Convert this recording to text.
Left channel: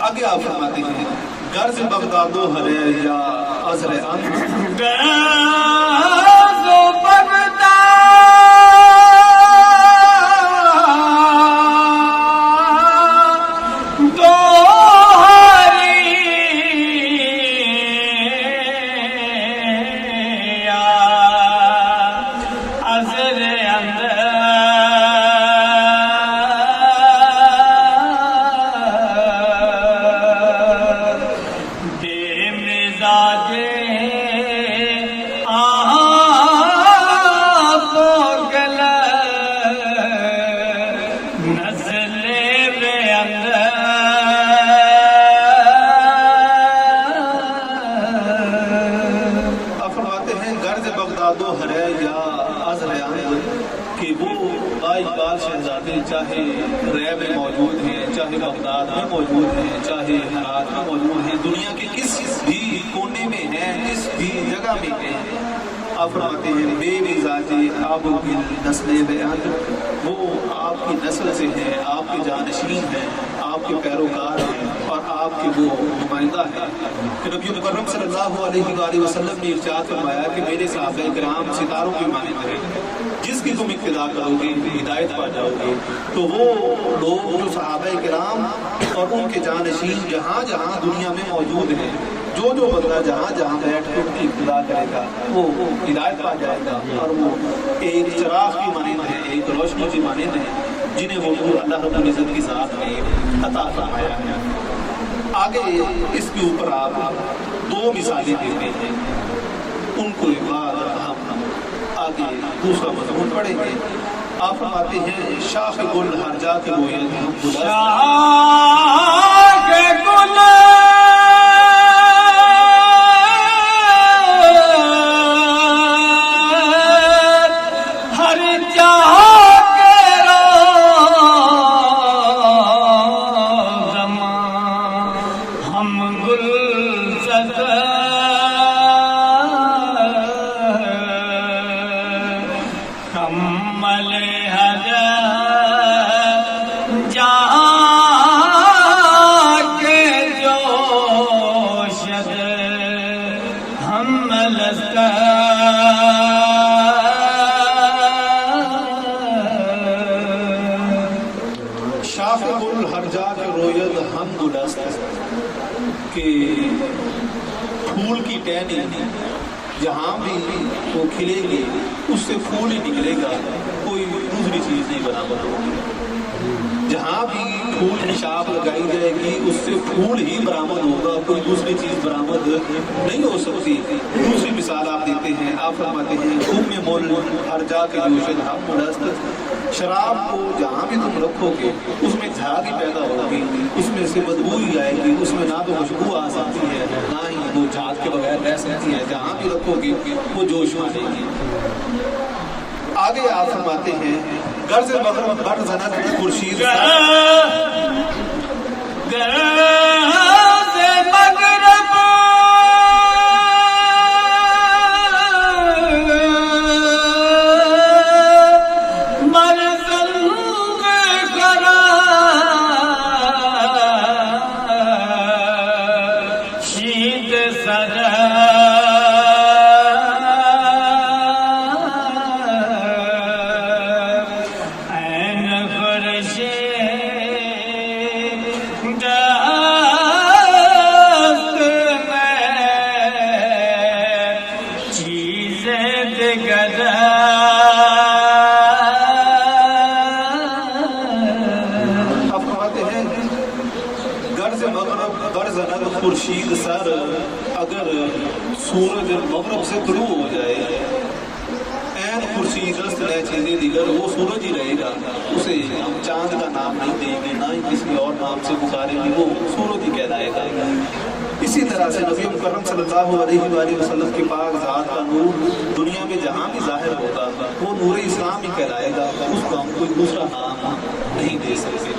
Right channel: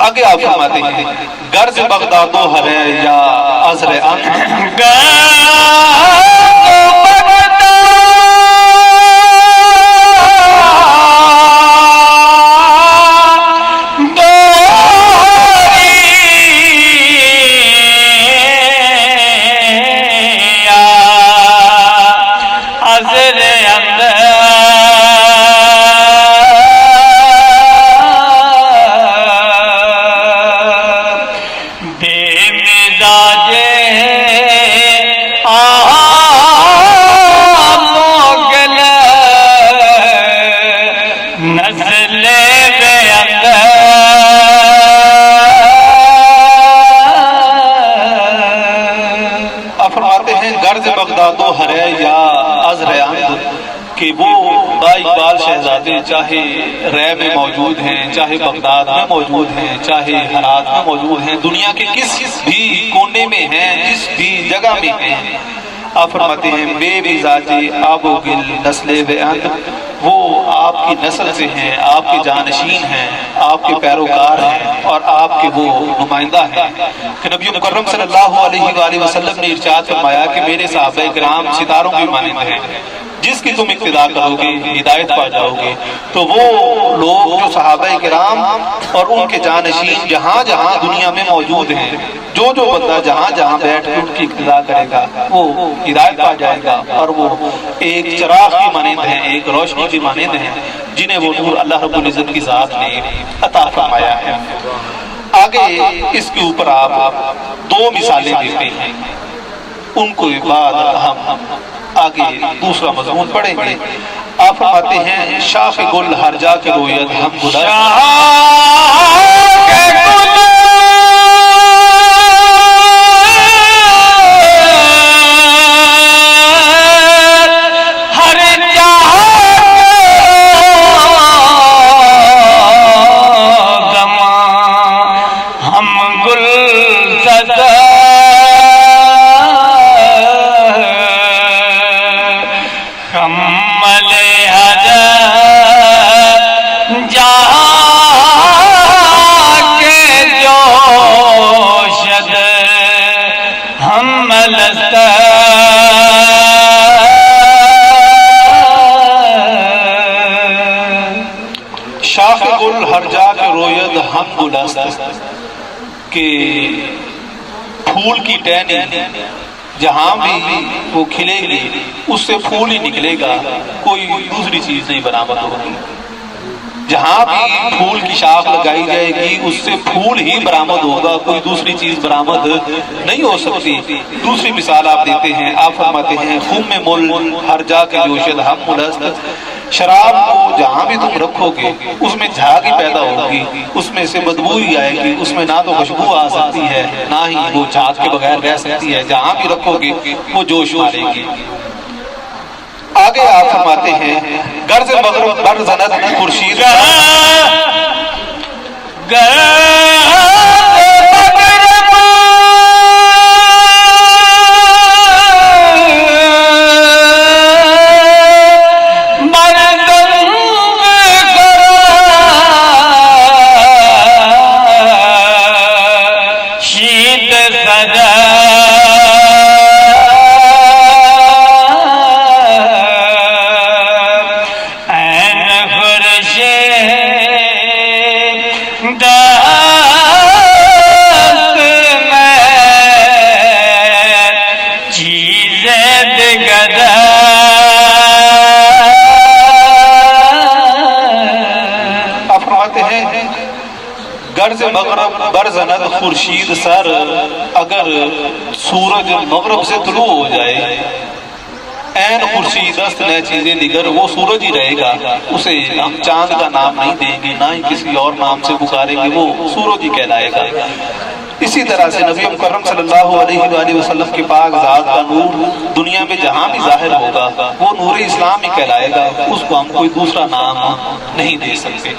آگے آپ فرماتے ہیں غرض بغداد و ہے یا عذر انت کہ وہ اقبال شہزادے چاہے رے میں موجود ہیں، چاہے بغداد میں موجود ہیں، چاہے ہرات میں موجود ہیں، دنیا کے کس بھی کونے میں ہیں، جس بھی جگہ میں ہیں، آپ فرماتے ہیں بے مزاج آب و گل نسل بیان، وہ آپ کی نسل سے ہیں، آپ کے جانشین ہیں، آپ کے پیروکار ہیں اور آپ کے وہ نمائندہ ہیں کہ نبی مکرم صلی اللہ علیہ وآلہ وسلم نے ارشاد فرمایا کہ میرے صحابہ کرام ستاروں کے مانند ہیں، جس کی تم اقتداء کرو گے ہدایت پا جاؤ گے۔ تو وہ لوگ جو صحابہ کرام اور ان کے جانشین جہاں جہاں دنیا میں موجود ہیں، جو بندہ جہاں جہاں بیٹھ کے ان کی اقتداء کرے گا وہ ہدایت پا جائے گا، اور وہ ایک چراغ کی مانند ہیں، ایک روشنی کی مانند ہیں، جنہیں وہ نور اللہ رب العزت کی ذات نے عطا فرمایا ہے۔ آگے اس کے اوپر آپ دو مثالیں دیتے ہیں، ان کو بعد ہم آگے دوسرا مضمون پڑھیں گے۔ آپ فرماتے ہیں شاخ گل ہر جا کے رویت ہم گل شاخ گل ہر جا کے روید ہم گلست، کہ پھول کی ٹہنی جہاں بھی وہ کھلے گی اس سے پھول ہی نکلے گا، کوئی دوسری چیز نہیں برآمد ہوگی۔ جہاں بھی پھول کی شاخ لگائی جائے گی اس سے پھول ہی برآمد ہوگا، کوئی دوسری چیز برآمد نہیں ہو سکتی۔ دوسری مثال آپ دیتے ہیں، آپ فرماتے ہیں خم مل ہر جا کے جوشد ہم ملست، شراب کو جہاں بھی تم رکھو گے اس میں جھاگ ہی پیدا ہوگی، اس میں سے بدبو ہی آئے گی، اس میں نہ تو خوشبو آ سکتی ہے نہ ہی وہ جھاگ کے بغیر رہ سکتی ہے، جہاں بھی رکھو گے وہ جوش مارے گی۔ آگے آپ فرماتے ہیں غرض مغرب بر زند خورشید غرض مغرب برزند خورشید سر، اگر سورج مغرب سے طلوع ہو جائے این خورشید است نئے چیزیں دیگر، وہ سورج ہی رہے گا، اسے ہم چاند کا نام نہیں دیں گے نہ ہی کسی اور نام سے پکاریں گے، وہ سورج ہی کہلائے گا۔ اسی طرح سے نبی مکرم صلی اللہ علیہ وآلہ وسلم کی پاک ذات کا نور دنیا میں جہاں بھی ظاہر ہوگا وہ نور اسلام ہی کہلائے گا، اس کو ہم کوئی دوسرا نام نہیں دے سکتے۔